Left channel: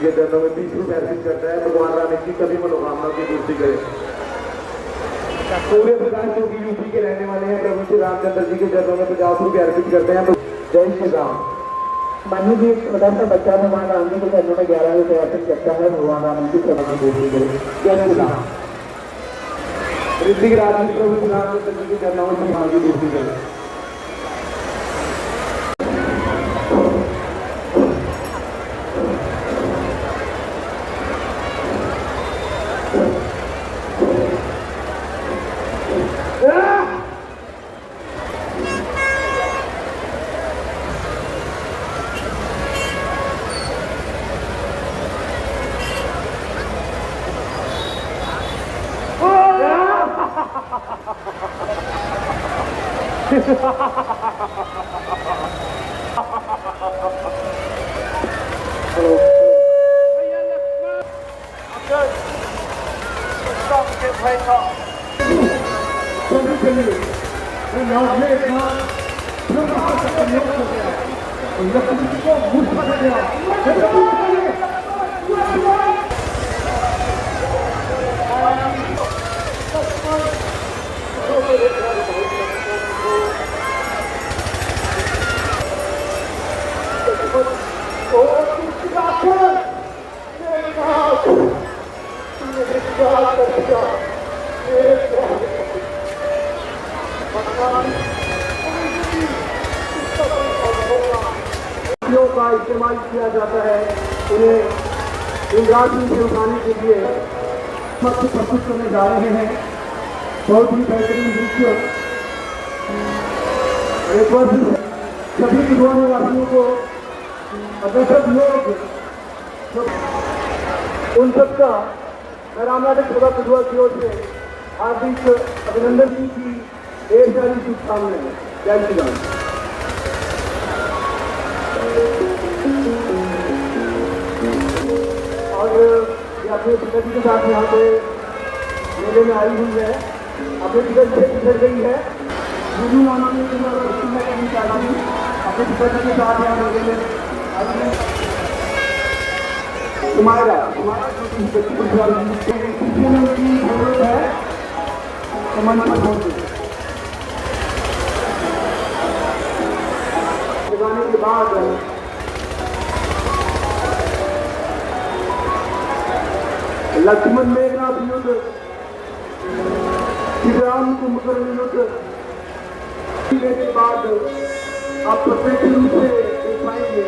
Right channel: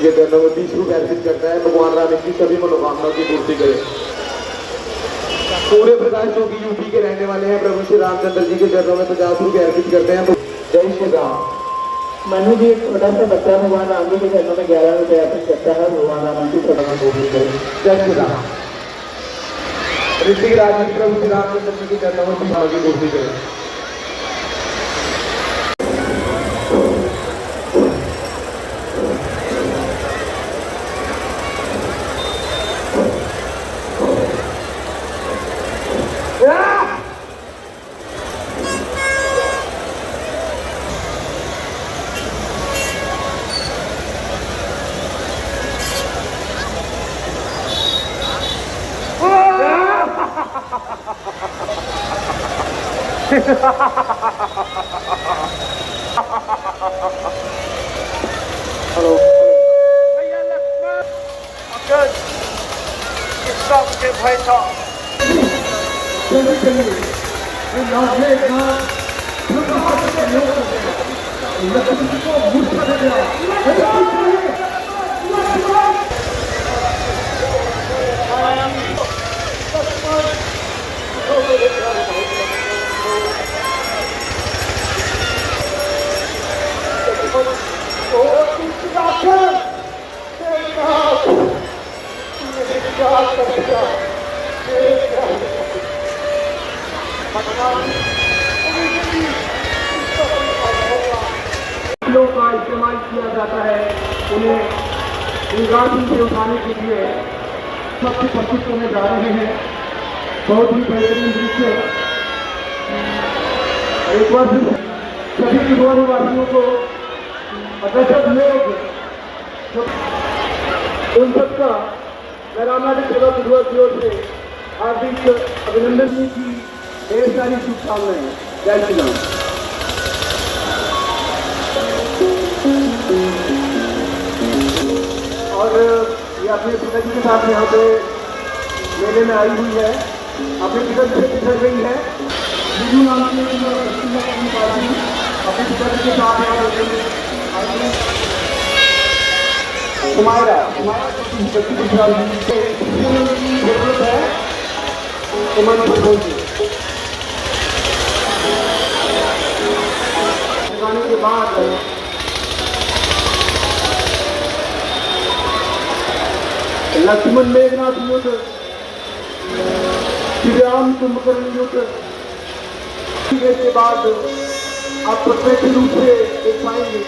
के चरणों में 20 रुपये अर्पित करता है। भगवान राम की सभी मनोकामना की पूर्ति करे। पूरे प्रकाश जो कि यूपी के रहने वाले हैं, प्रभु श्री रामचंद्र जी के चरणों में 50 रुपये अर्पित करते हैं। जय श्री राम। मनु जी एक छोटा सा बच्चा भगवान राम जी के चरणों में 11 रुपये अर्पित करता है। भगवान राम की चरणों में पूर्ति करे। जय श्री राम। ऋतिक राज प्रभु श्री रामचंद्र जी के चरणों में 50 की पूर्ति करे। हेलो भैया लक्ष्मण अजय सबके भाई का का इस्तेमाल किया जाता है। उन्हें इंद्राणी से उठाने के लिए सबसे प्रस्तुत करने जा रहे हैं। बहुत ही बेहतरीन दृश्य। एक बार सभी विद्वान निवासियों को अग्रसर लोग उन सबका मैं रामनाथ सेवा विद्वान की ओर से हार्दिक अभिनंदन जी की ढेर सारी शुभकामनाएं। जय श्री राम। और ये अपने पिताजी के साथ यहाँ पे मेले में आई हुई है। अपने पिताजी से गुजर गई है। हिंदू नाम की पार्टी अपने पिताजी के साथ यहाँ मेले में कुमायरा सुमन प्रभु जी के बाद लक्ष्मण मेघनाथ युद्ध, श्री राम कुंभकर्ण युद्ध के बाद आप प्रत्यक्ष रूप से देख पाएंगे।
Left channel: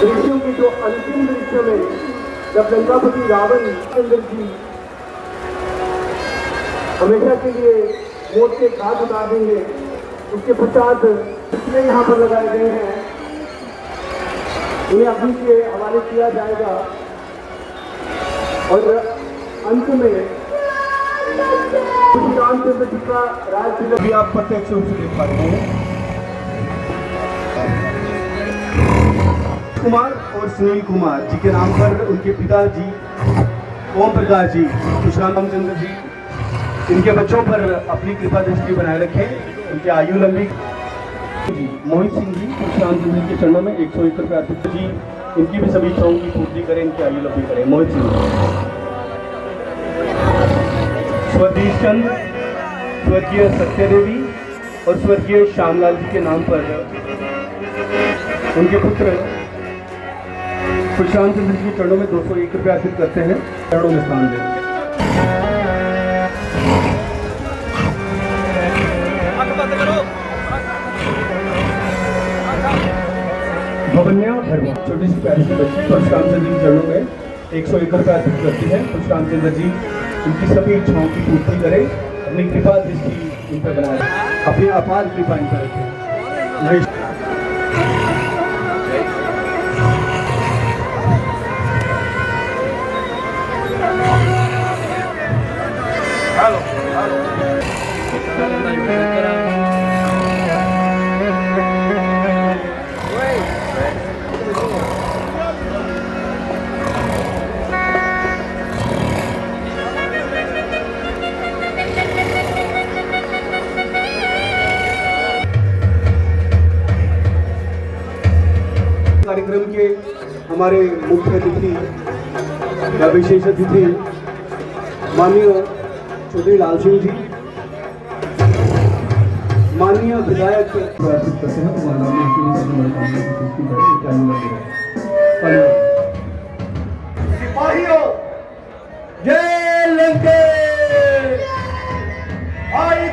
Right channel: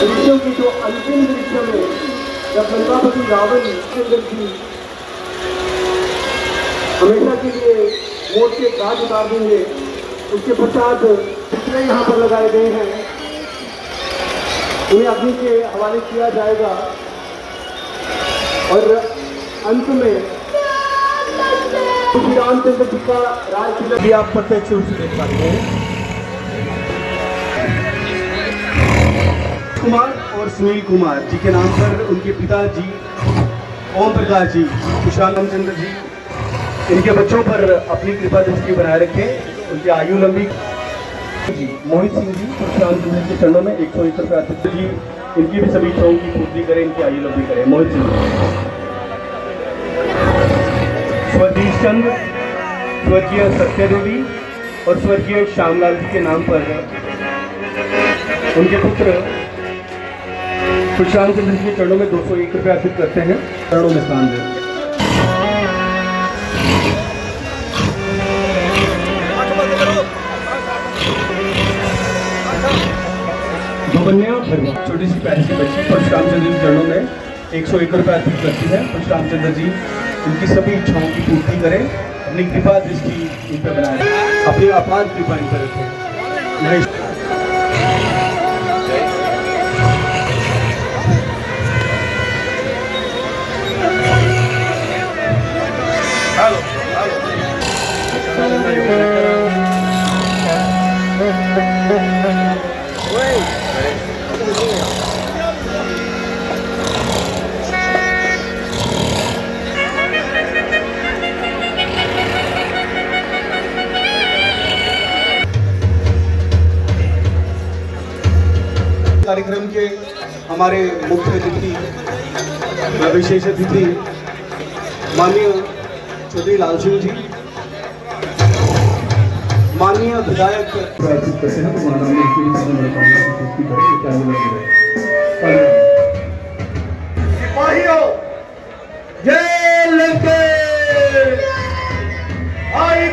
दृश्यों की जो अंतिम दृश्य में जब लंकापति रावण जी हमेशा के लिए मौत के घाट उतार देंगे। इसके पश्चात जितने यहाँ पर लगाए गए हैं उन्हें अग्नि के हवाले किया जाएगा और अंत में श्री रामचंद्र जी का राज भी आप प्रत्यक्ष रूप से देख पाते हैं। कुमार और सुनील कुमार जी के नाम पर उनके पिताजी ओम प्रकाश जी, सुशांत चंद्र जी, इनके बच्चों पर अपनी कृपा दृष्टि बनाए रखें। उनकी आयु लंबी जी। मोहित सिंह जी सुशांत जी के चरणों में 101 रुपये अर्पित जी। इनकी भी सभी इच्छाओं की पूर्ति करें, इनकी आयु लंबी करें। मोहित सिंह स्वदेश चंद्र, स्वर्गीय सत्यदेवी और स्वर्गीय श्यामलाल जी के नाम पर उनके पुत्र सुशांत चंद्र जी के चरणों में 201 रुपये अर्पित करते हैं। चरणों में स्थान दें। भवन्या भरवा छोटी सी प्यारी सी बच्ची परशुराम चंद्र जी चरणों में 101 रुपये अर्पित करती है। परशुराम चंद्र जी उनकी सभी इच्छाओं की पूर्ति करें, अपनी कृपा दृष्टि उन पर बनाए, अपनी अपार कृपा इन पर रखें। कार्यक्रम के हमारे मुख्य अतिथि व विशेष अतिथि माननीय चौधरी लाल सिंह जी, माननीय विधायक सिपाहियों जय लंके भाई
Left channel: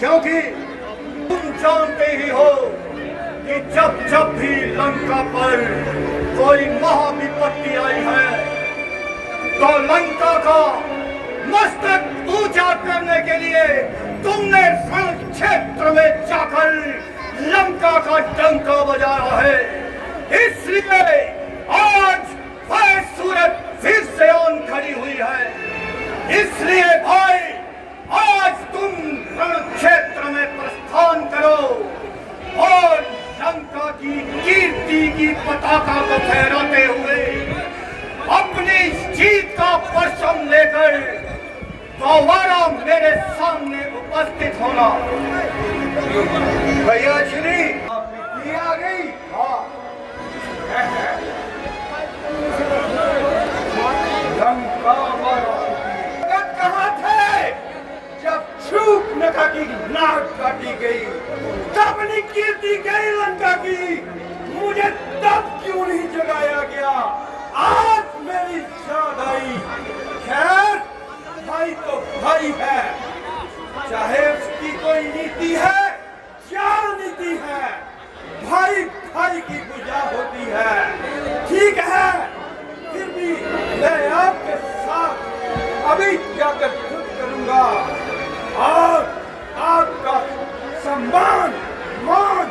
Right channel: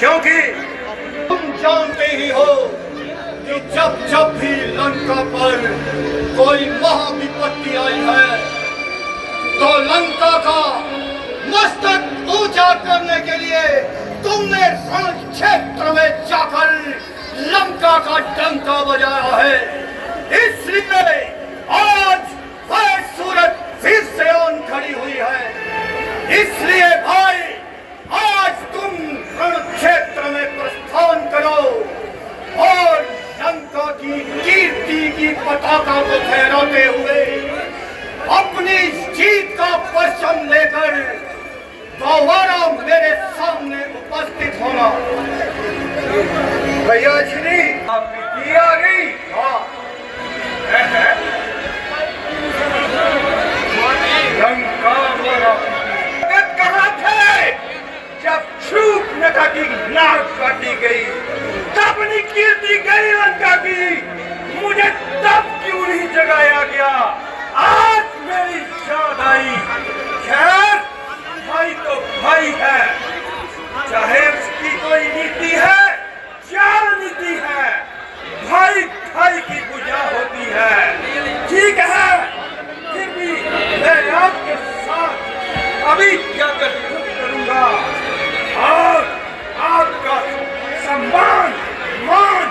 क्योंकि तुम जानते ही हो कि जब जब भी लंका पर कोई महाविपत्ति आई है तो लंका का मस्तक ऊंचा करने के लिए तुमने रण क्षेत्र में जाकर लंका का डंका बजाया है। इसलिए आज वह सूरत फिर से ऑन खड़ी हुई है। इसलिए भाई आज तुम रण क्षेत्र में प्रस्थान करो और लंका की कीर्ति की पताका को फहराते हुए अपनी जीत का परचम लेकर दोबारा मेरे सामने उपस्थित होना। भैया श्री आपकी आ गई। हाँ लंका कहाँ थे जब छूट नखा की नाक काटी गई, जब कीर्ति गई लंका की, मुझे तब क्यों नहीं जगाया गया? आज मेरी याद आई। खैर भाई तो भाई है, चाहे उसकी कोई नीति है क्या नीति है, भाई भाई की पूजा होती है। ठीक है, फिर भी मैं आपके साथ अभी जाकर करूंगा और आपका सम्मान मान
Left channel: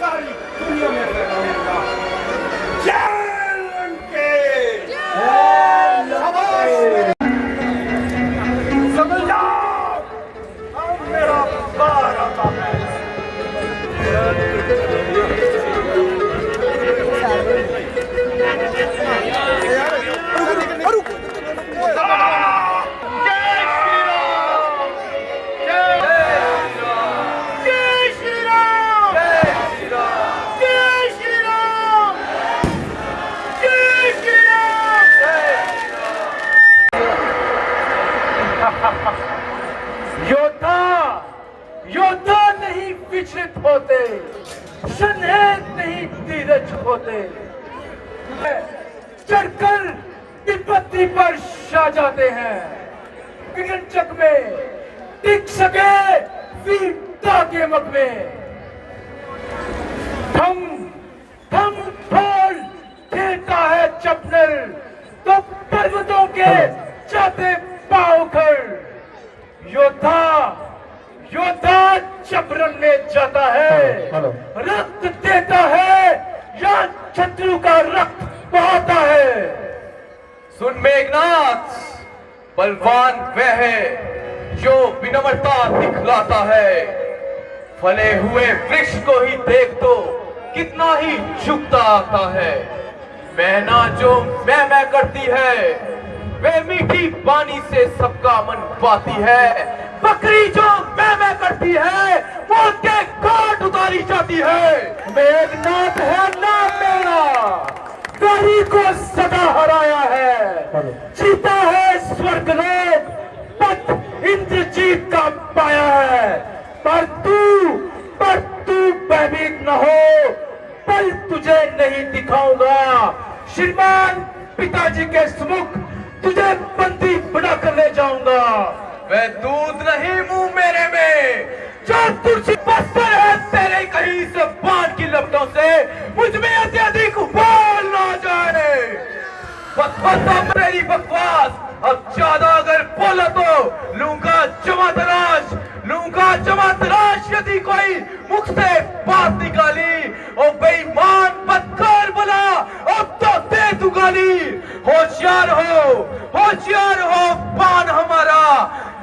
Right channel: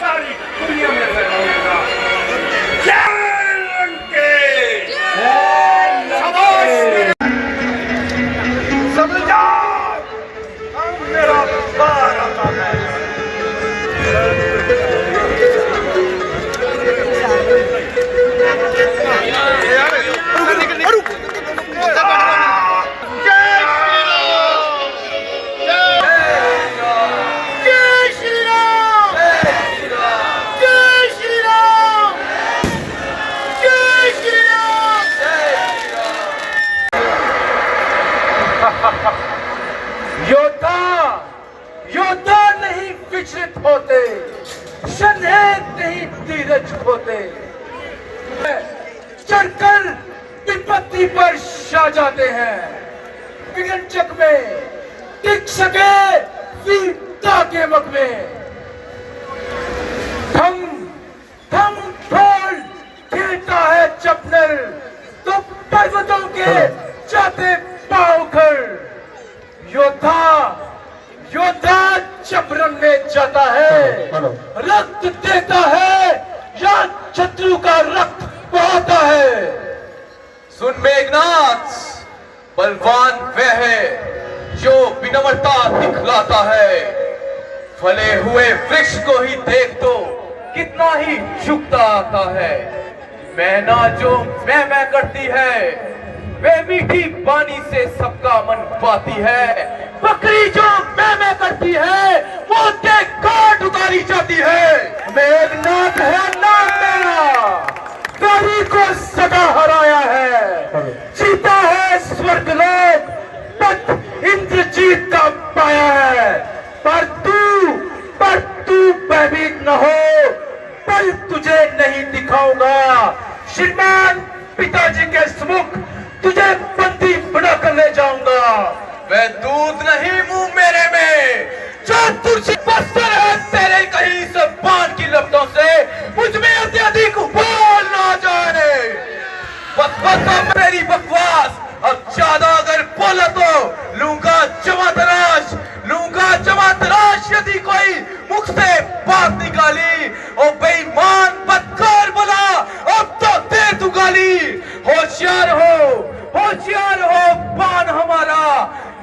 सारी दुनिया में फैलाऊंगा। समझ जाओ, मेरा बार आता है। योद्धा नहीं विचलित होते, शनैक नहीं धीरज होते, चढ़कर विपत्ति पर छा जाते हैं। विगंचक में टिक सके वीरता के वक्त में थम ढोल खेलता है चपनर, तो पर्वतों के जाते पाँव कर। योद्धा जबरन में जाता है, रक्त देता है या शत्रु का रक्त बहाता है। सुन मेघनाथ, बलवान वह है जो विनम्रता दिखलाता है। फले हुए वृक्ष को ही देख तो कितना ही झुकता आता है। मैना जो मैं करती है, वे मीठी बानी से सबका मन पाती है। बकरी जो मैं करती है, वो के काट उतारी जाती है। मेघनाथ है नाम मेरा, गरी को सदा हराया है, जीता है स्वर्गलोक, पद इंद्रजीत का पाया है। पर तू भयभीत न हो, पल तुझे नहीं दिखाऊंगा। श्रीमान पिताजी के सम्मुख तुझे बंदी बना कर ले जाऊंगा। वह दूध नहीं मुंह मेरे में, जो तुझसे बस्तर है तेरे कहीं से पान की लपटों से मुझ में अत्यधिक बोल ना जाए। बस मेरी बकवास, अब ज्यादा अगर बोला तो लूंगा जमा तराश यदि कोई मुख से बात निकाली। ओ बेईमान बदकार बोला, अब तो दे तू गाली। होशियार हो पान हमारा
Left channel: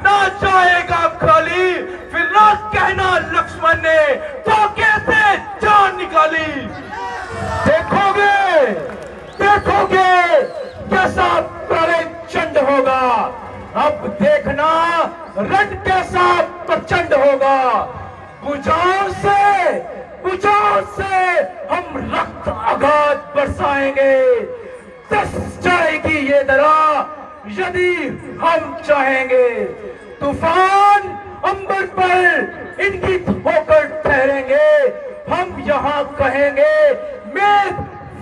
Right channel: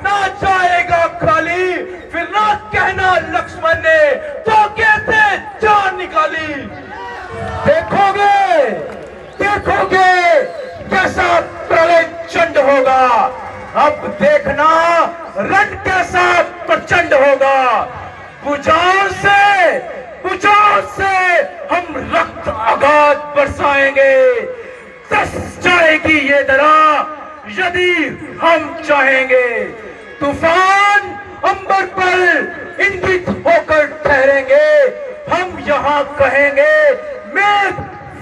ना जाएगा खाली। फिर ना कहना लक्ष्मण ने तो कैसे जान निकाली। देखोगे कैसा प्रलय चंड होगा। अब देखना रण कैसा प्रचंड होगा। बुझाओ से हम रक्त अगाध बरसाएंगे। दस जाएगी ये दरा यदि हम चाहेंगे। तूफान अंबर पर इंगित होकर ठहरेंगे। हम यहाँ कहेंगे मेघ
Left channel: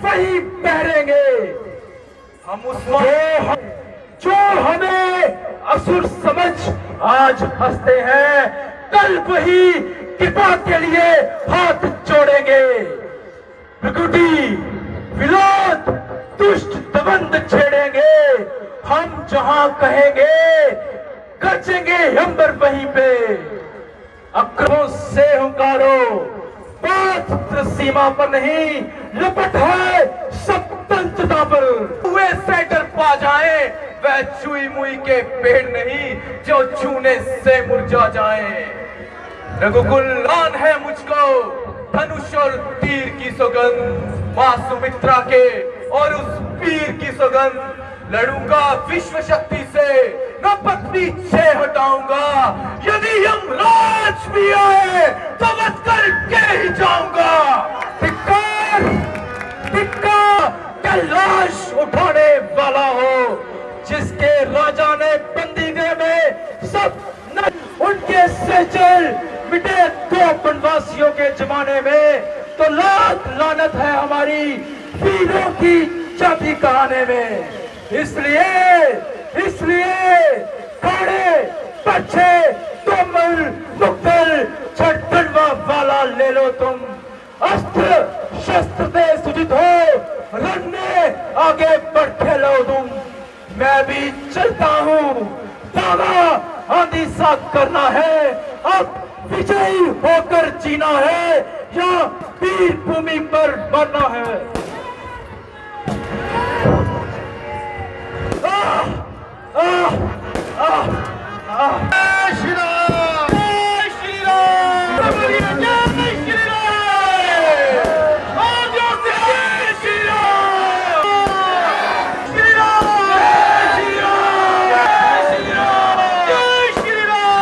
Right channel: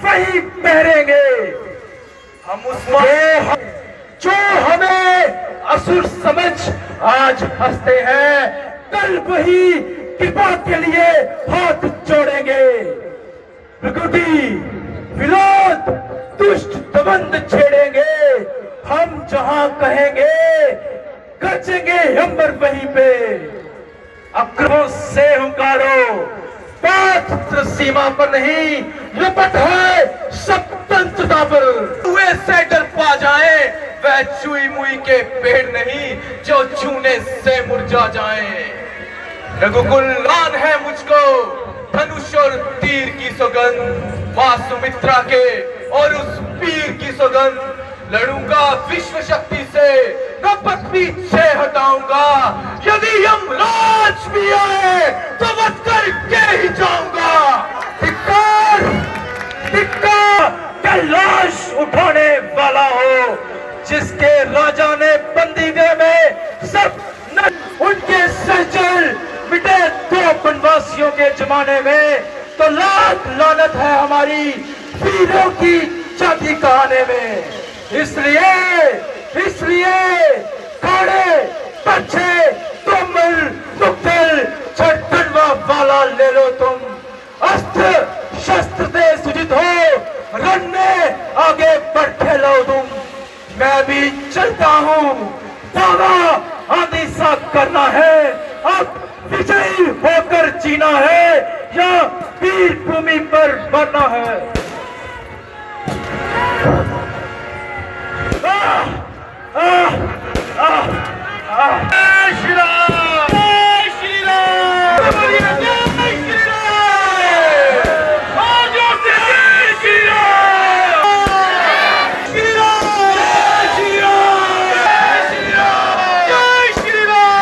वही पहरेंगे। हम जो हमें असुर समझ आज हंसते हैं, कल वही कृपा के लिए हाथ जोड़ेंगे। भृकुटी विरोध दुष्ट दबंध छेड़ेंगे, हम जहां कहेंगे गरजेंगे अंबर वहीं पे। अक्रों से हुंकारो, पथ सीमा पर नहीं, लपट है स्वतंत्रता पर। हुए से डर पा जाए वह चुई मुई के पेड़ नहीं जो चूने से मुरझा जाए। रघुकुल आन है मुझको धनुष और तीर की सौगंध, मां सुमित्रा के और उस पीर की सौगंध। लड़ूंगा विश्व शक्ति से, न पथ पीछे हटाऊंगा। यदि यमराज भी आए तो वध करके ही जाऊंगा। धिक्कार धिक्कार, कैलाश उठाने वाला हो जिसके राजा ने बंदीगृह में सब उनके सचल मिटे दो वनवासियों के जमाने में, तो लाख लानत है हमारी वीरों की जाति कहाने में। इसलिए काड़े पछे तुमल मुक्तल छटकनवा वाला ले लो तुम। अस्त्र शस्त्र से सुजित हो, रण में आगे बढ़ खेलो तुम। मैं भी चलता हूँ, दावा आंधी सा करना है। अब विजयी होकर जीना है या वीर भूमि पर मरना है। श्री राम, जय श्री राम, जय श्री राम, जय श्री राम, श्री राम, जय श्री राम, जय श्री राम।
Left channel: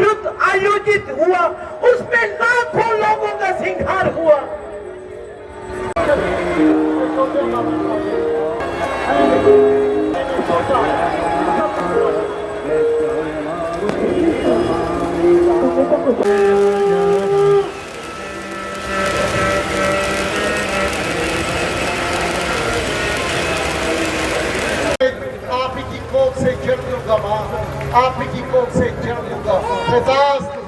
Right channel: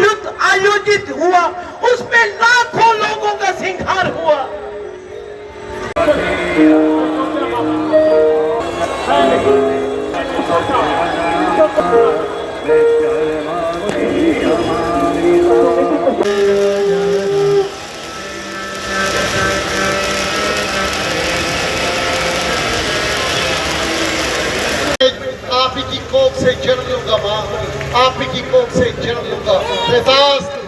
युद्ध आयोजित हुआ, उसमें लाखों लोगों का संहार हुआ। आप ही की कोख से जन्म लूंगा माँ, आप ही की कोख से जन्म लूंगा। तथास्तु।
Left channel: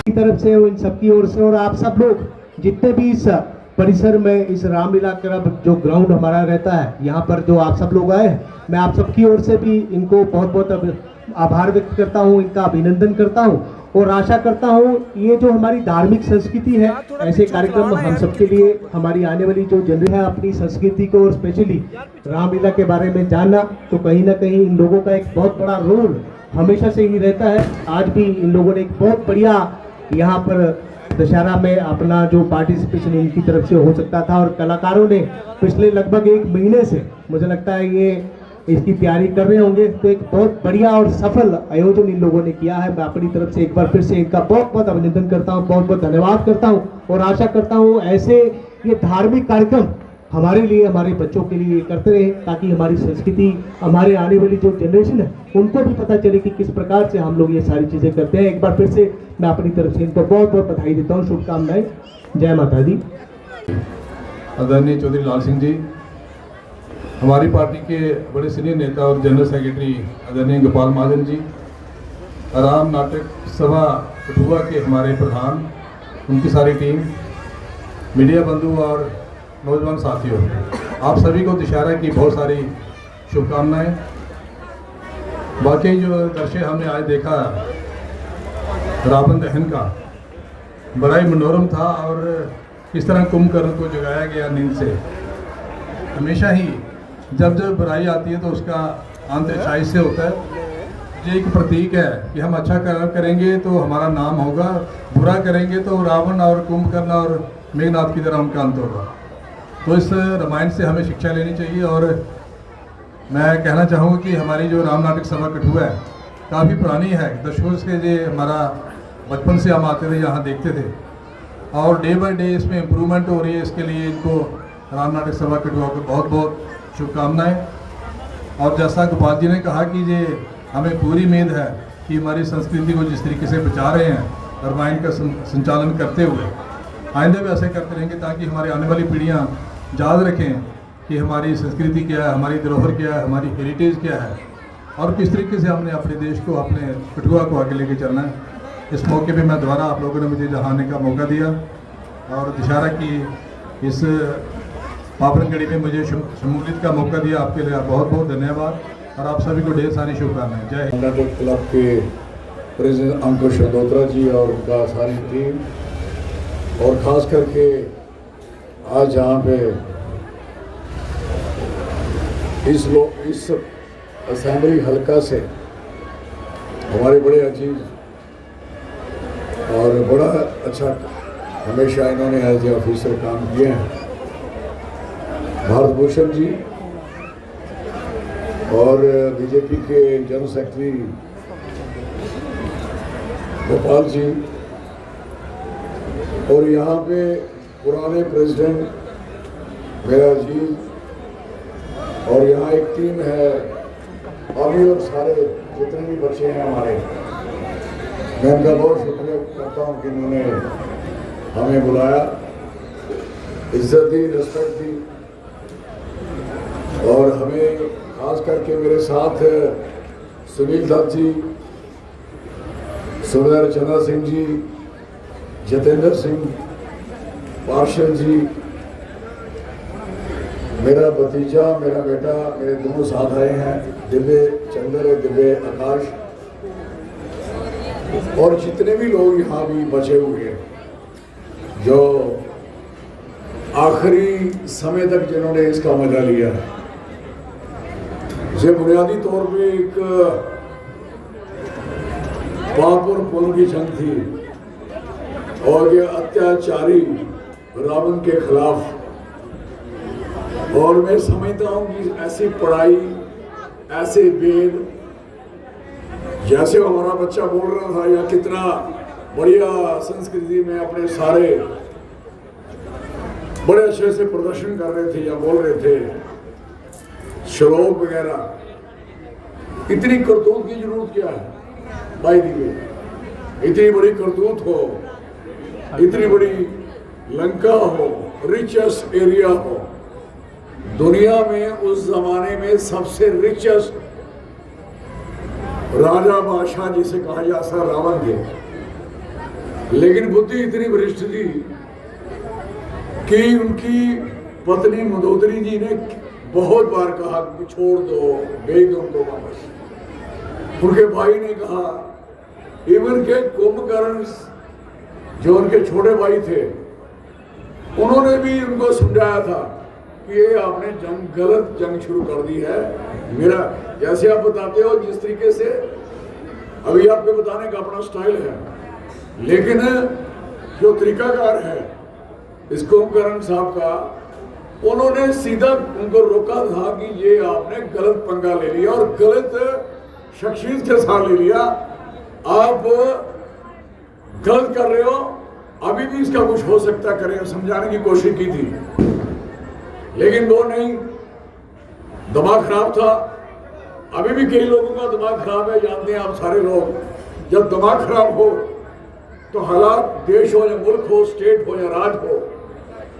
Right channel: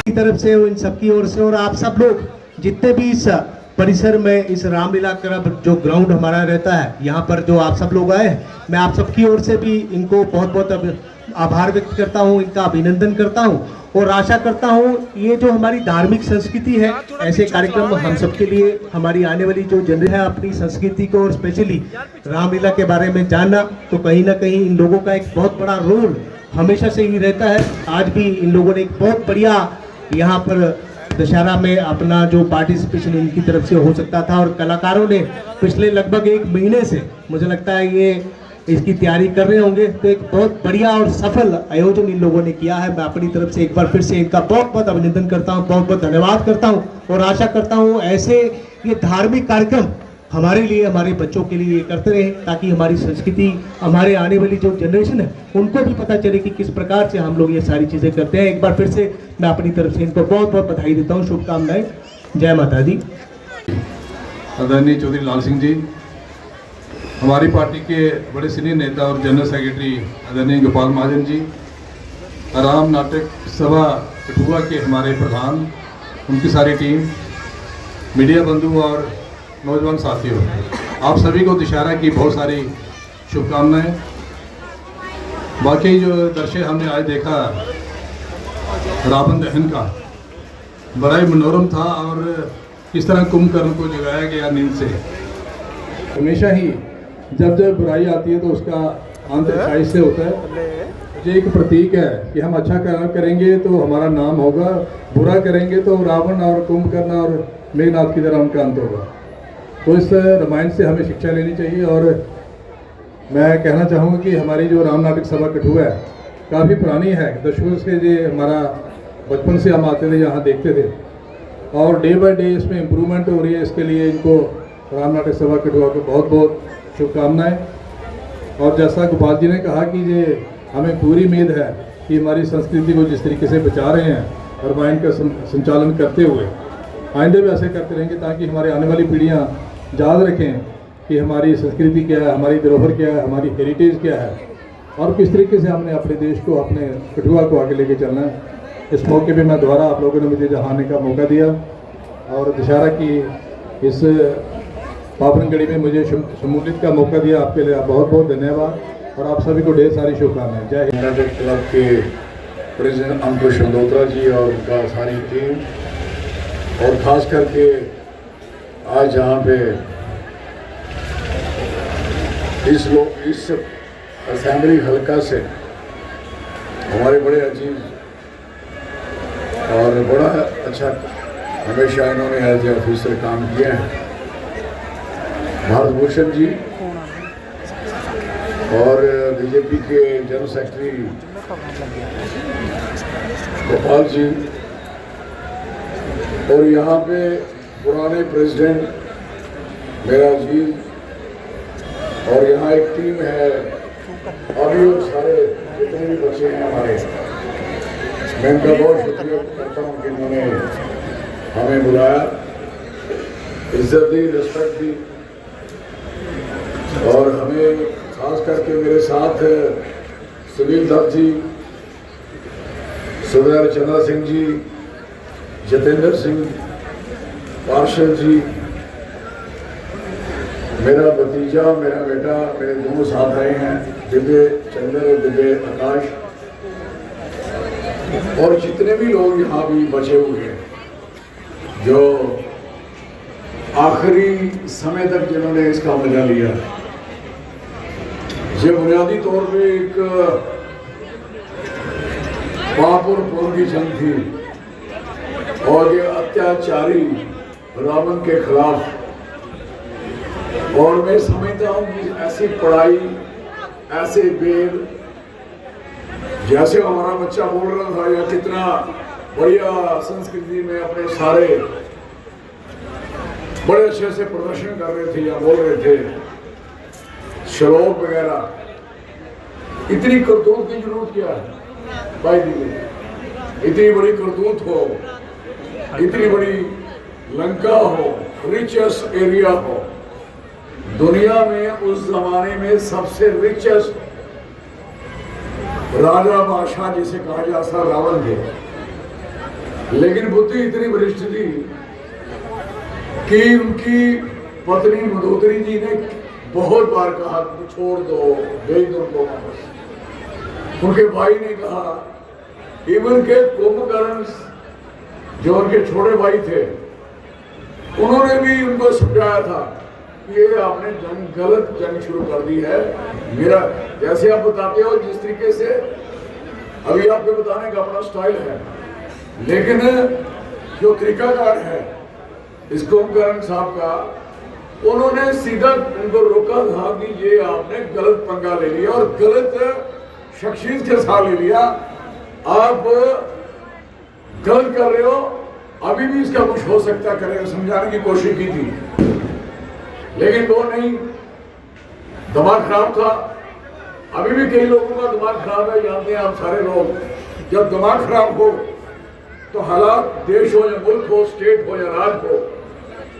की तरफ से इन सबकी ओर से और आप सब लोग जितने भी इस परिसर में इस रामलीला क्लब जो ग्राउंड हमारा रहता है यहाँ पर जो आप सब लोग आए हैं, मैं आप सबकी ओर से भी इनको बहुत बहुत आभार व्यक्त करता हूँ, इनका अभिनंदन करता हूँ और आशा करता हूँ ये जो हमारी धार्मिक संस्कृति है, ऐसे कार्यक्रम हम सबके लिए, हमारी आने वाली जो जनरेशन है अपनी संस्कृति को और स्पेशली रामलीला के बारे में जानना, तो कहीं ना कहीं इन लोगों का एक बहुत बड़ा रोल हमेशा से ही रहता है। आज भी इन लोगों ने एक बहुत बढ़िया यहाँ पर दशहरा में अपना जो पार्टिसिपेशन इनकी तरफ से हो सकता था और कलाकारों ने पिछले लगभग 1 महीने से मुझे लगता है ये इसकी तैयारी कर रहे होंगे, तो एक बहुत बढ़िया और सफल आयोजन इन लोगों ने किया है। मैं अपनी तरफ से एक बार फिर से इनका बहुत बहुत अभिनंदन करता हूँ, बहुत बहुत धन्यवाद करता हूँ और आशा करता हूँ ऐसे ये धार्मिक कार्यक्रम हमारे लिए, हमारे बच्चों के लिए करते रहे, ताकि हमारी संस्कृति, हमारे आने वाली जो जनरेशन है उनको भी पता चले कि किस प्रकार से हम लोग ये सारी चीज़ें करते हैं। एक बार फिर से मैं अपनी तरफ से इनको बहुत बहुत बधाई देता हूँ, शुभकामनाएं। जय माता दी। आदरणीय चौधरी लाल सिंह जी, हमारी पार्टी के बड़े सीनियर नेता और जनरल सेक्रेटरी आदरणीय गोपाल महाजन जी, राम नाटक सभा कठुआ के हमारे प्रधान, उनकी सारी टीम, मीडिया बंधु और नौजवान साथियों, आप सभी को दशहरा की बहुत सारी शुभकामनाएं। वाकई जो दृश्य हमने आज देखा रावण दहन का, बड़ा ही मनोरम था और किस तरह कुंभकर्ण को जगाया गया नींद से। हमेशा ही जब जब बुराई आती है तो उसका अंत अच्छाई से होता है। ये एक प्रतीक है कि हम अच्छा करेंगे तो हमारा नाम होगा, बुरा करेंगे तो रावण और कुंभकर्ण और मेघनाथ की तरह उनका अंत होगा। तो इस रामायण से हमें शिक्षा लेनी चाहिए और मैं कहना चाहूँगा कि हमारी जो राम नाटक सभा कठुआ है काफ़ी पुरानी है, दशकों से ये हमारा बचपन से हम आते थे, यहाँ देखते थे और डे बाय डे इसमें इम्प्रूवमेंट हो रही है। इसके लिए इनको राम नाटक सभा कठुआ को बहुत बहुत शुभकामनाएं। और जैसा गोपाल जी ने कहा कि ये हमें पूरी उम्मीद है कि हमारी संस्कृति को जिस तरीके से बचा रहे हैं रामायण का संचालन करते हुए आइंदे भी ऐसे करते रहेंगे, ताकि हमारी आने वाली पीढ़ियाँ याद रखें कि हमारी संस्कृति क्या है, हमारी धरोहर क्या है, हमारी हेरिटेज क्या है और किस तरीके से हमने अपने देश को, अपने कठुआ को आगे लेके चलना है। इस मौके पे मैं दोबारा आप लोगों ने मुझे यहाँ आने का मौका दिया और दशहरा की इस पावन घड़ी में मुझे शमूलियत का मौका दिया, आपके लिए बहुत बहुत धन्यवाद और आप सभी को ढेर सारी शुभकामनाएं। जय हिंद। नाटक क्लब के प्रेसिडेंट अंकुश शंदोत्रा जी और उनका सारी टीम और ख़ास करके आज यहाँ पे इस असेंबली हल्का से हमारे बड़े अजीज और बड़ा अच्छा हमेशा इन्होंने एज ए ऑफिसर काम किए हैं, भारत भूषण जी और बीजेपी के जनरल सेक्रेटरी गोपाल जी और यहाँ पे पुराने प्रेसिडेंट मेरा अजीज, और यहाँ एक टीम है, अभी वो सारे जितने भी बच्चे हैं हमारे, मैं इनका बहुत शुक्रिया करता हूँ कि इन्होंने हमें बुलाया, इज्जत दी, रिस्पेक्ट दी, और हमें खास करके मेरे साथ सुनील दत्त जी, सुबेदार चंद्र सिंह जी, जतेंद्र सिंह, पार्षद जी, मेरा भतीजा, मेरा बेटा, मेरे दोनों साथ आए हैं, दिव्य चंद्र और दिव्य आकाश, और जितने भी लोग यहाँ भी बचे हुए हैं, जो आखिरी समय तक जिन्होंने इसका मजा लिया। ये बुनियादी तौर पे एक पाप और पुण्य की जंग थी, और ये अत्याचारी रावण के खिलाफ। और मैं समझता हूँ कि ऐसी पढ़ाई, ऐसे वेद, जैसे हमारा बच्चा बोल रहा था, या कितना बढ़िया संस्कृति में अपने सारे बड़े अच्छे से प्रदर्शन कर रहे थे या बोल रहे थे, श्लोक वगैरह, इतनी करतूत की जरूरत क्या है भाई? इतनी बड़ी करतूत हो, इतनी बड़ी लंका हो, रिचेस्ट एरिया हो, दुनिया में उस जमाने में सबसे रिचेस्ट राजा बादशाह जिसे कहा जाता रावण थे, लेकिन बुद्धि इतनी वरिष्ठ थी कि उनकी पत्नी मंदोदरी जी ने बहुत बार कहा छोड़ दो, भेज दो उनको वापस। उनके भाई ने कहा, इवन के कुंभकर्ण जो उनके छोटे भाई थे, उन्होंने भी उनको समझाया था कि ये आपने गलत जंग शुरू कर दी है। मेरा जैसे आप बताते हो, जिस तरीके से अभी आपके बताने का अपना स्टाइल है, लेकिन जो तरीकाकार है इस कुंभकर्ण साहब का, उन्होंने सीधा उनको रोका था कि ये आपने गलत पंगा ले लिया और गलत शख्सियत के साथ ले लिया, आप गलत कर रहे हो, अभी भी इसका कुछ हो सकता करें, समझाने की कोशिश की थी, लेकिन वो नहीं, दिमाग खराब था। अभी भी कई लोगों का दिमाग खराब है, जानते हैं आप सारे लोग। जब दिमाग खराब हो तो हालात, देश हो या मुल्क हो, स्टेट हो या राज हो,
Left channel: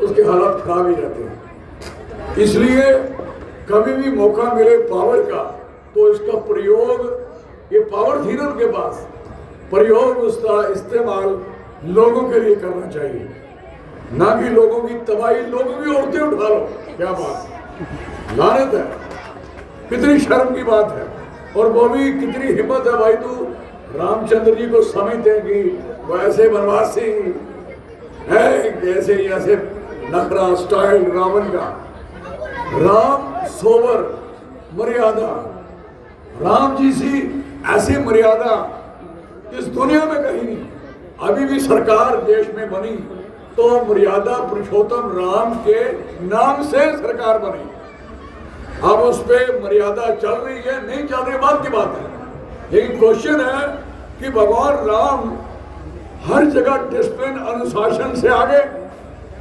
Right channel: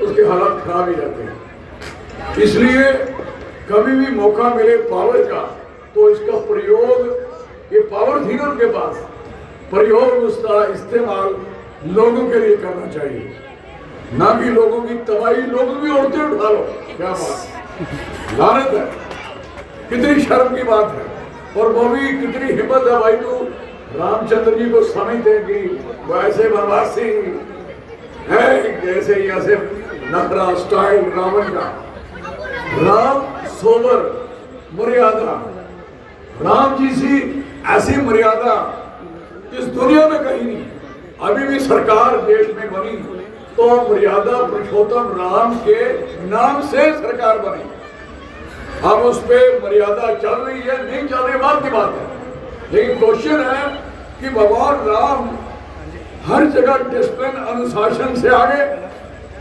उसके हालात खराब ही रहते हैं। इसलिए कभी भी मौका मिले पावर का, तो इसका प्रयोग, ये पावर थी ना उनके पास, प्रयोग उसका इस्तेमाल लोगों के लिए करना चाहिए, ना कि लोगों की तबाही, लोगों की औरतें उठा लो। क्या बात, लानत है, कितनी शर्म की बात है। और वो भी कितनी हिम्मत है भाई, तू रामचंद्र जी को समझते हैं कि वो ऐसे बनवासी है, जैसे ऐसे नखरा स्टाइल रावण का। राम सोबर मर्यादा, राम जी सी ऐसी मर्यादा इस दुनिया में कहीं नहीं। अभी भी सरकार देश में बनी तो मर्यादा पुरुषोत्तम राम के नाम से सरकार बनी। अब उस पर मर्यादा चल रही है, नहीं चल रही, बात की बात है, लेकिन क्वेश्चन है कि भगवान राम हर जगह डिसिप्लिन, अनुशासन से आगे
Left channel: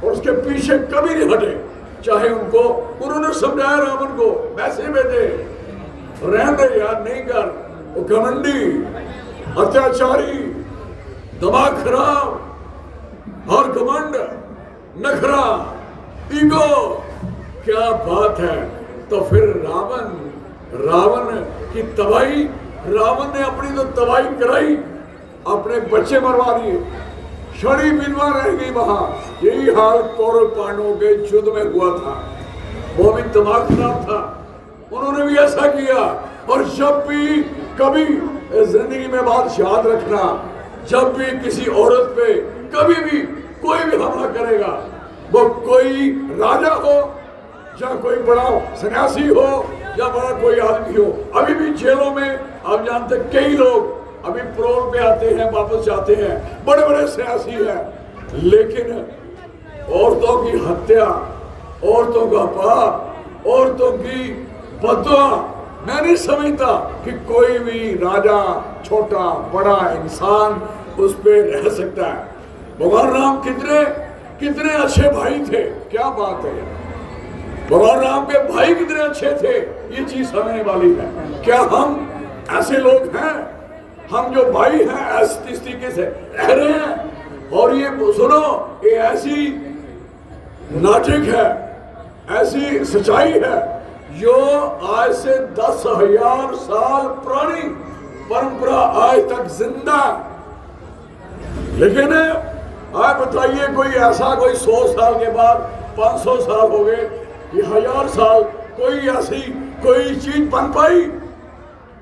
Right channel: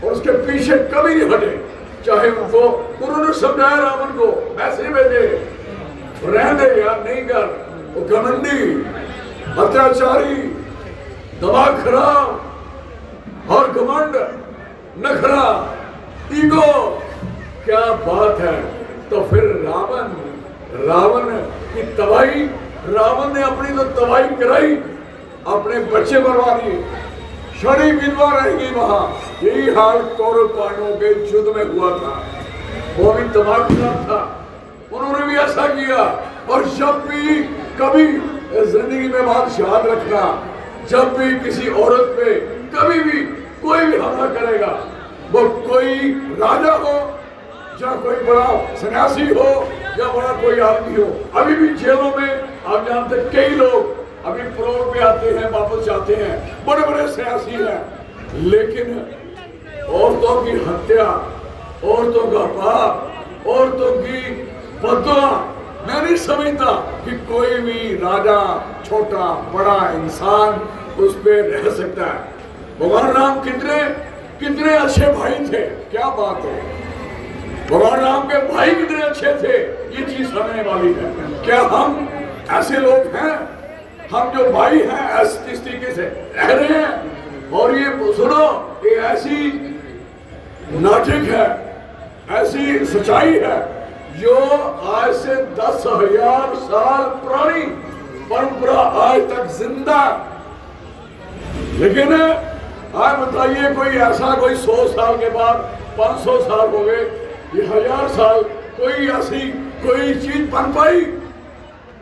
और उसके पीछे कभी नहीं हटे। चाहे उनको, उन्होंने समझाया रावण को, मैसेज में दे, रहने दे यार, नहीं कर, वो घमंडी, अत्याचारी, दिमाग खराब और घमंड, नखरा, ईगो, क्या बात है। तो फिर रावण की तबाही, रावण ने अपनी तो तबाही कराई, अपने बच्चे मरवा दिए, छड़ी विधवा रह गई वहां। यही हाल कौरव पांडवों के युद्ध में हुआ था, वो भी दिमाग खराब था, उन्होंने भी ऐसा किया। और जब भी कभी जिंदगी में बात याद रखना, जब भी किसी औरत पे कभी भी कोई भी हमला करेगा, वो कोई राजा हो या कोई बड़ा सन्यासी हो या बड़ा कोई आदमी हो। अभी भी जेलों में आप जानते कई लोग अभी प्रोल पे आते हैं, वापस जाते हैं, बड़े बड़े सन्यासी हैं, लेकिन औरतों की हत्या, औरतों का पाप, औरतों की बददुआ, मैं नहीं समझता कि कोई भी राजा, छोटा बड़ा इंसान उस पे रह सकता है। भगवान राम कितने कितने अच्छे भाई थे, क्या बात है। भगवान राम के भाई कितने अच्छे थे, ये चीज समझने वाली है। क्या हम ऐसे लोग हैं? हम जो भाई हैं इस तरीके से रह रहे हैं। और ये सुनो, ये ऐसी नाटक है, ऐसी सच्चाई है जो आज से 10,000 साल पुरानी परंपरा आज तक जिंदा। लेकिन आप बताइए, कोई ऐसा कोई 100 साल के बाद 500 साल हो गए, ये 1000 साल, कोई ऐसी कोई चीज बन पाई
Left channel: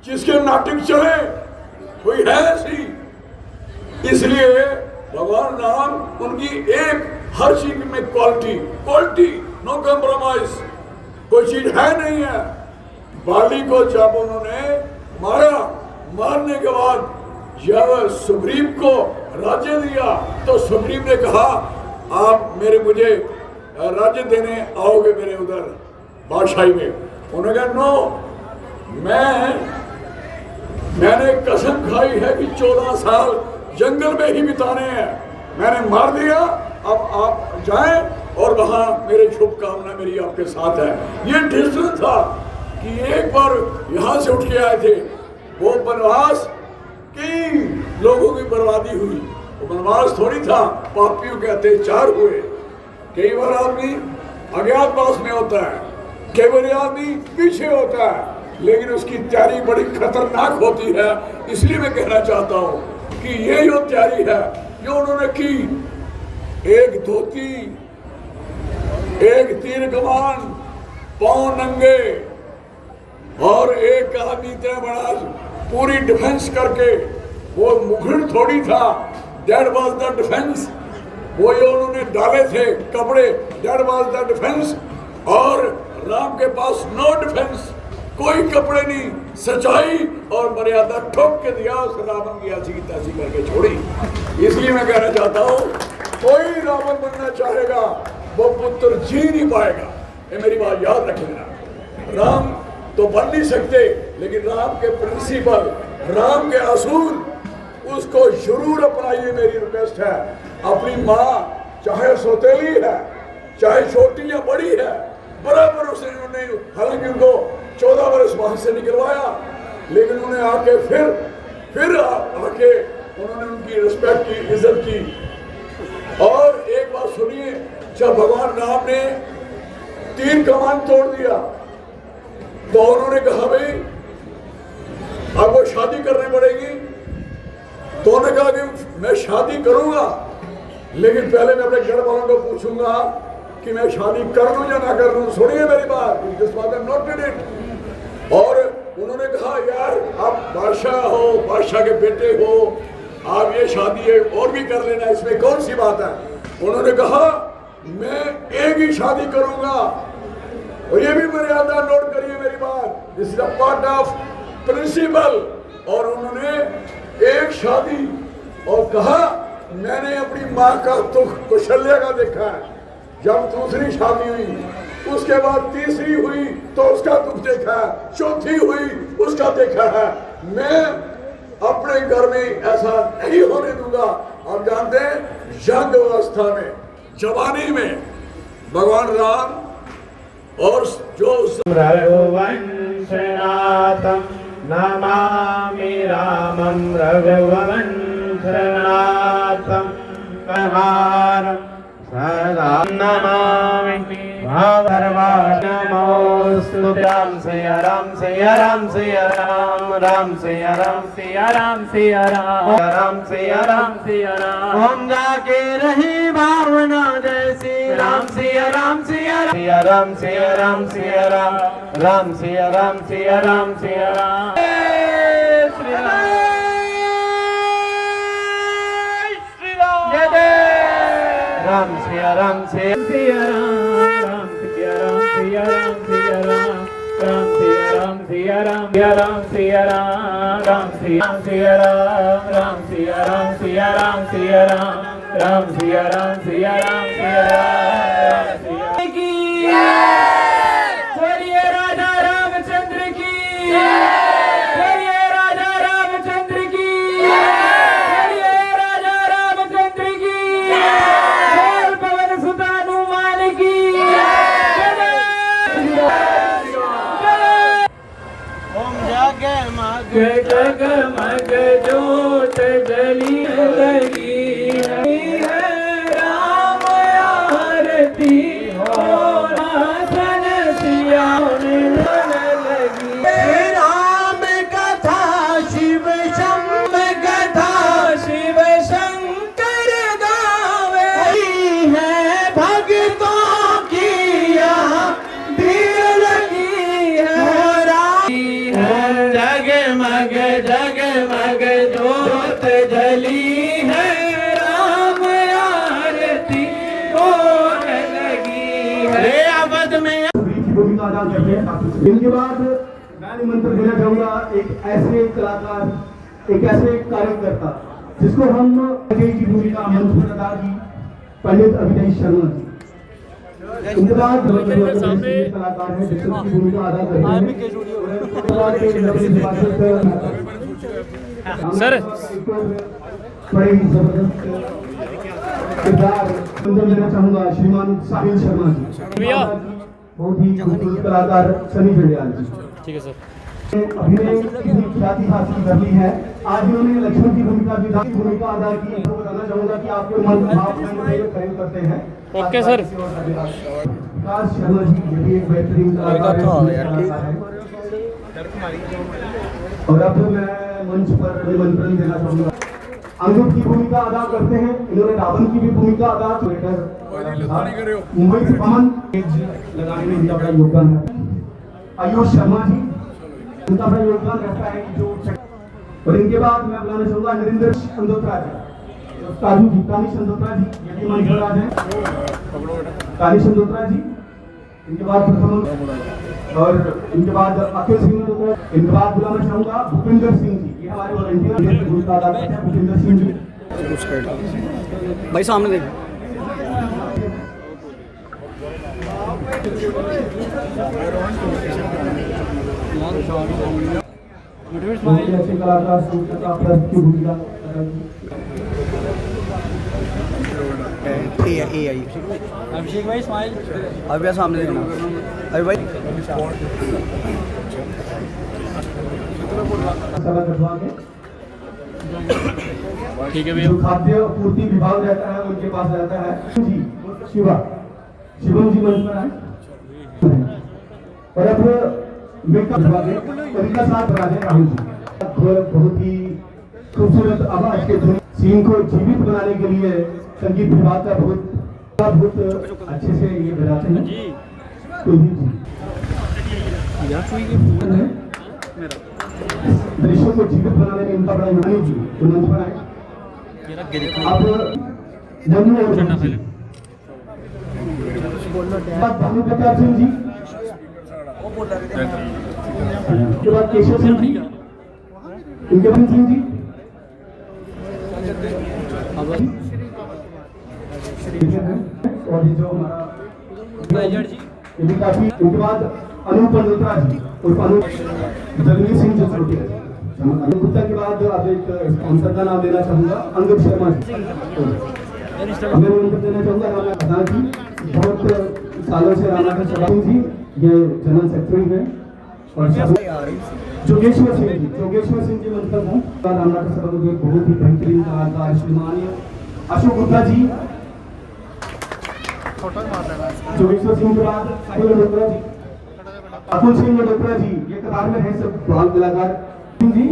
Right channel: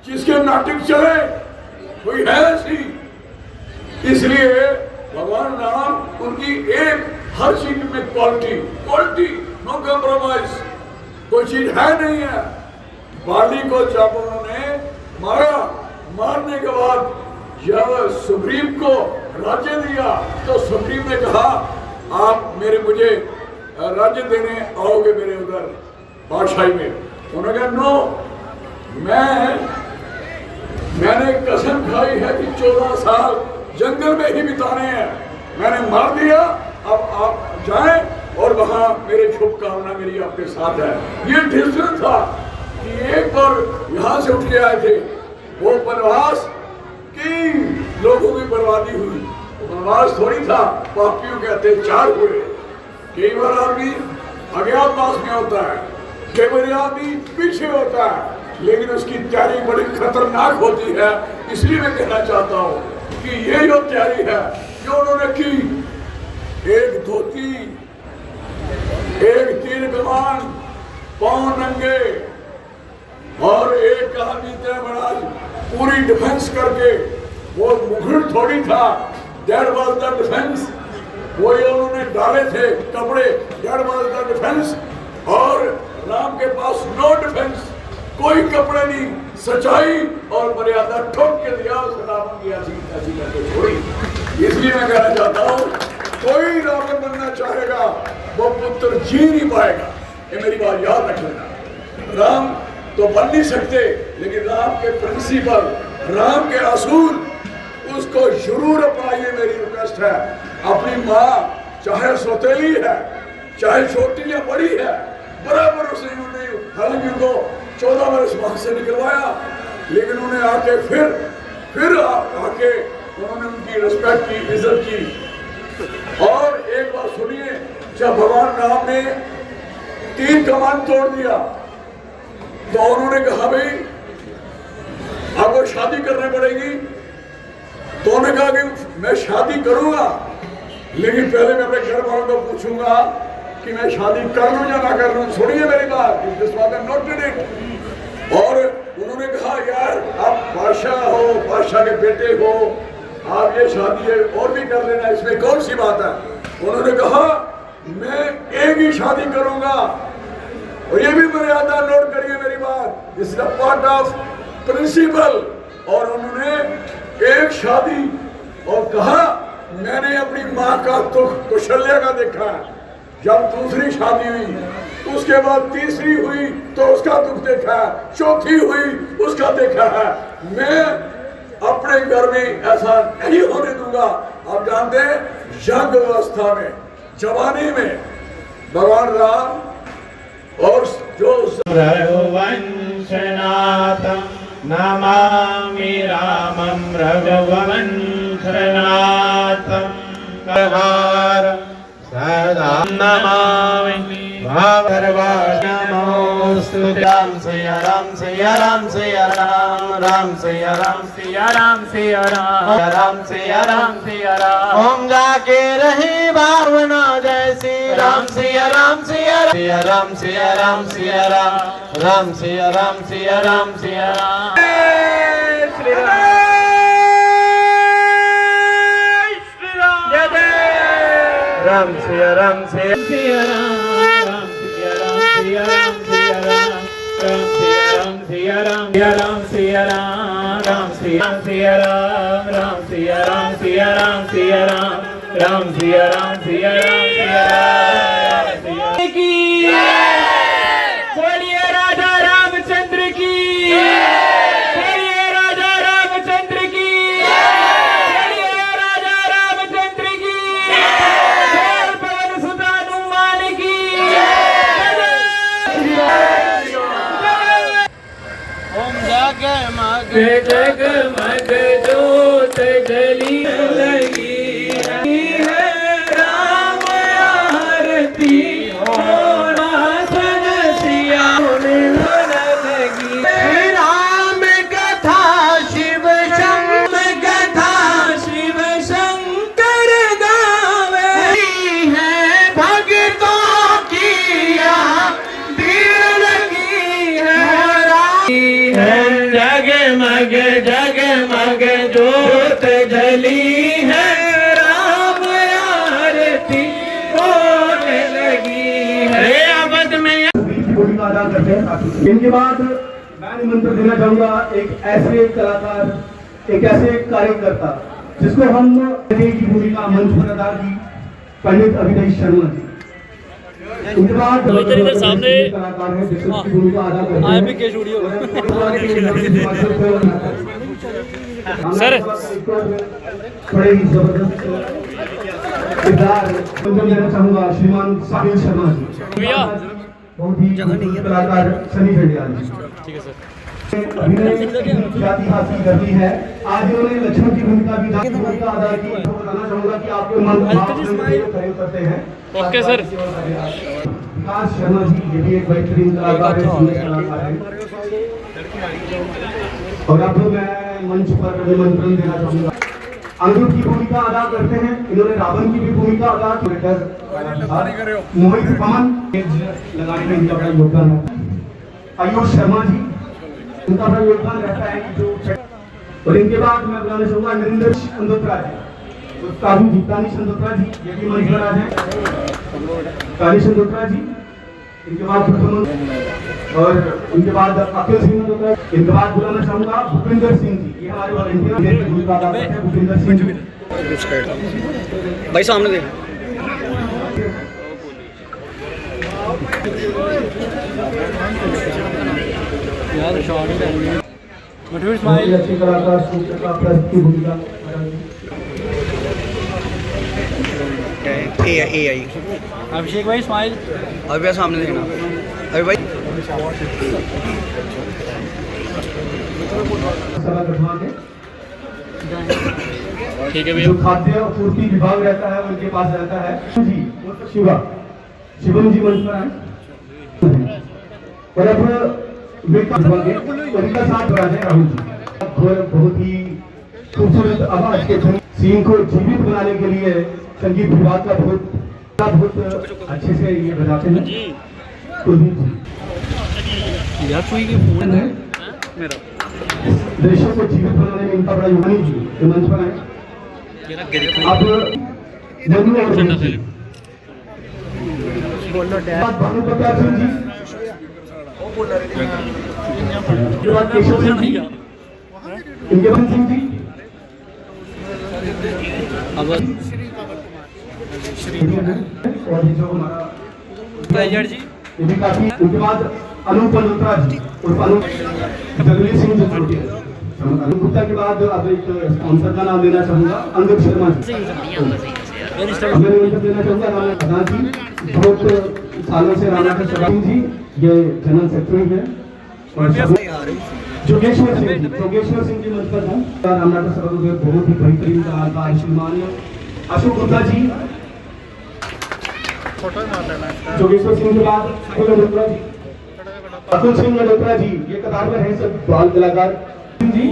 जिसके नाटक चले? कोई है ऐसी? इसलिए भगवान राम, उनकी एक हर चीज में क्वालिटी, नो कॉम्प्रोमाइज, कोई चीज है नहीं है। बाली को जब उन्होंने मारा, मारने के बाद जब सुग्रीव को राज्य दिया तो सुग्रीव ने कहा, आप मुझे राज्य देने आओगे मेरे उधर बादशाही में? उन्होंने कहा नो, मैंने कसम खाई है कि 14 साल जंगल में ही बिताने हैं, मैंने मार दिया, अब आप जाएं और वहां मेरी शुभकामना मेरी आपके साथ है। ये डिसीजन था कि एक बार यहां से उठ के आए थे, वो वनवास कई लोगों की बर्बादी हुई, वो वनवास थोड़ी था, पापियों के अत्याचार हुए। कई बार आदमी अज्ञातवास में होता है, कई बार आदमी पीछे होता है, लेकिन उसकी तैयारी बड़ी खतरनाक होती है। इसलिए मैं कहना चाहता हूं कि ये जो तैयारी है जो उन्होंने की, एक धोती, एक तीर कमान, पांव नंगे और एक आदमी इतना बड़ा पूरी डिफेंस करके, वो मुखर थोड़ी था, दैट वाज द डिफेंस। वो जो उन्होंने डाले थे कपड़े, दैट वाज द डिफेंस। और राम के पास नो डिफेंस, कोई कपड़े नहीं, सच्चाई और मर्यादा ठोक के दिया, उस रावण की ऐसी तैसी करके छोड़ी। इसलिए मैं कहना चाहता हूँ, कोई रावण बनना चाहेगा वो पुत्र जी नहीं पाएगा, ये मेरी बात याद रखना। राम तो बन नहीं सकते, लेकिन राम के प्रिंसिपल, राम के असूल, उसको जरूर अपनाइए, मेरी रिक्वेस्ट है। अपनी माँ चाहे सौतेली है, चाहे छोटी या बड़ी है, बराबर उसे नहीं, हालांकि उनको 14 वर्ष वहां से निकलवाया, लेकिन उन्हें आके फिर आके उन्होंने उनकी रिस्पेक्ट की, इज्जत की। और एक बात सुनिए, जब भगवान राम ने 3 कमान तोड़ दिया तो उन्होंने कहा भाई आपको शादी करनी पड़ेगी। तो उन्होंने कहा कि मैं शादी करूंगा, लेकिन पहले मैं अपने घर वालों को पूछूंगा कि मैं शादी कर लूं या ना कर लूं। सुनिए मेरी बात, दिस वाज नोटेड इट। और उन्होंने कहा यार आप बादशाह हो, बादशाह के बेटे हो, आप ये शादी है और भी कर लेना, इसमें कौन सी बात है। उन्होंने कहा मैं एक ही शादी करूंगा, और ये भी मर्यादा नोट करिए मेरी बात, this is a part of principle. और उन्होंने एक शादी, और कहा मैंने अपनी माँ का तो कौशल्या का देखा है, जब दूसरी शादी हुई, उसके बाद तीसरी हुई तो उसका दुख देखा है, चौथी हुई उसका देखा है। मैं अपने घर में ऐसा नहीं होने दूंगा। आप जानते हैं, यंग अवस्था में, जवानी में भगवान राम और जो रघुवंशनाथं नमामि रामं रघुवंशनाथं सदा नमामि भवरवादमोस्तु राम सिया राम सिया राम सिया राम राम सिया राम सिया राम सिया राम राम सिया राम सिया राम। ओम जाके रही भावना जैसी राम सिया राम सिया सिया राम सिया राम सिया राम राम सिया राम सिया राम सिया राम। राम सिया राम सिया सिया राम सिया राम सिया राम सिया राम राम सिया राम सिया राम सिया राम राम सिया सिया राम राम सिया राम सिया राम सिया राम राम सिया राम सिया राम सिया राम की बोलिए राजा रामचंद्र की, बोलिए राजा रामचंद्र की, बोलिए राजा रामचंद्र की, बोल पवन सुत हनुमान की। जगमग जोत जली लगी है राम आरती होना सनसिया होने लगी राम कथा शिव शंकर गावे है भक्तों की यहाँ भीड़ लगी है जगमग जगमग जोत जली है राम आरती होने लगी है अवध में भूमिका अदा करते हैं। इनके बाद मैं निमंत्रण देना चाहूंगा एक ऐसे कलाकार, एक ऐसे कार्यकर्ता जिसको हम की भूमिका मंच पर अदा की, पंडित अभिनय शर्मा जी। उनके बाद सामने कलाकार है जिसकी भूमिका अदा करते हैं सर, बड़े ही जबरदस्त किरदार देना चाहूंगा श्रीमान साहिल शर्मा जी, बहुत ही कलाकार सनी जंडियाल जी। ठीक है सर। अभिनय की ख्याति हासिल कर ली है। आज उन्होंने लक्ष्मण की भूमिका अदा की। बताना चाहूंगा कि आपके मन भाव करते हैं। Okay sir. विकास शर्मा जी ये भी एक बेहतरीन कलाकार है। और अब मैं मंच पर निमंत्रण देना चाहूंगा, अनिरुद्ध की भूमिका अदा करते हैं। इन्होंने रावण की भी भूमिका अदा की। मोहित पान लगाने में इनका बड़ा योगदान है। आयुष शर्मा जी, उनका बड़ा योगदान रहता है कि जो। और इनके बाद मैं बताना चाहूंगा नरेंद्र चंदोत्रा जी, काजू जी, काली चंदोत्रा जी, ये भी मंच पर आ जाए। काली चंदोत्रा जी, इनके बाद प्रथम, और इनके बाद अखिल सिंह को, इनके बाद बुलाना चाहूंगा भूपिंदर सिंह जी, ये हमारे वॉलंटियर की भूमिका अदा करते हैं। भूपिंदर सिंह जी भाई सामने देख। अच्छे कलाकार की भूमिका अभिषेक भाई स्माइल अभी सामने अभी भाई ठीक है। जो खाद्य आपूर्ति विभाग रहता है उनके पास रहता है जी शिवम जी मंच पर आए। और अब उनका साथ रहा है राहुल जी। बहुत ही खूबसूरत आवाज के सीन को जीवित बनाने के लिए संगीत विभाग का बहुत अच्छे से ये बजाते हैं। दृश्यों को जीवित बनाने में इनका बड़ा योगदान जी जो मंच पर है। अब भानु प्रताप सिंह जी, उसके बाद केशव सिंह जी, इनके बाद सिंह जी, और ये जो हमारा ये भी काफी। उनके बाद अनूप मल्होत्रा जी और अनूप जगमीत सिंह जी। अनूप गुप्ता के बाद अब एक स्पॉन्सर का नाम देना चाहूंगा, अंगद शर्मा जी। मैं उनको देना चाहूंगा राणा जी, बहुत सालों से राणा के सदाम जी ये जनरल सेक्रेटरी है। और जोगेश्वर सिंह जी मंच पर हैं। राणा के सदाम के बहुत ही बेहतरीन कलाकार श्रीमान अशोक गुप्ता जी। जोगेश्वर सिंह के बाद अतुल सिंह मल्होत्रा जी, ये कतार में है सब बाल कलाकार जी।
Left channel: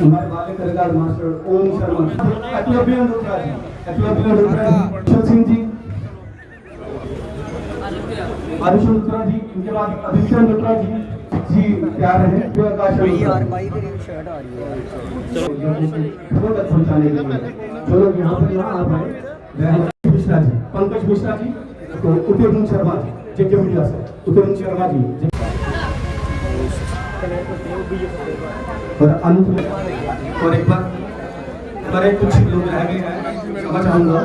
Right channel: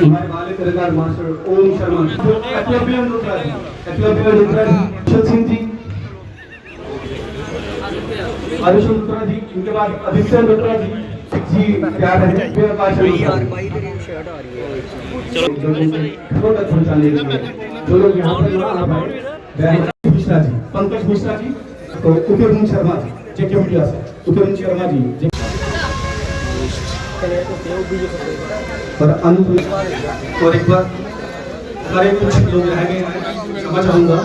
हमारे बाले कलाकार मास्टर ओम शर्मा जी, एकलव्य मल्होत्रा जी, कुशल सिंह जी, आरुष मल्होत्रा जी। उनके बाद आदित्य मल्होत्रा जी प्यार है पहुंचाने के लिए। चलो मिश्रा जी, पंकज मिश्रा जी, तो उत्तरन शर्मा जी, जेके मीडिया से उत्तरन शर्मा जी, और अनुप। और एक बार सारे कुछ लोग रह गए हैं, मैं चाहूंगा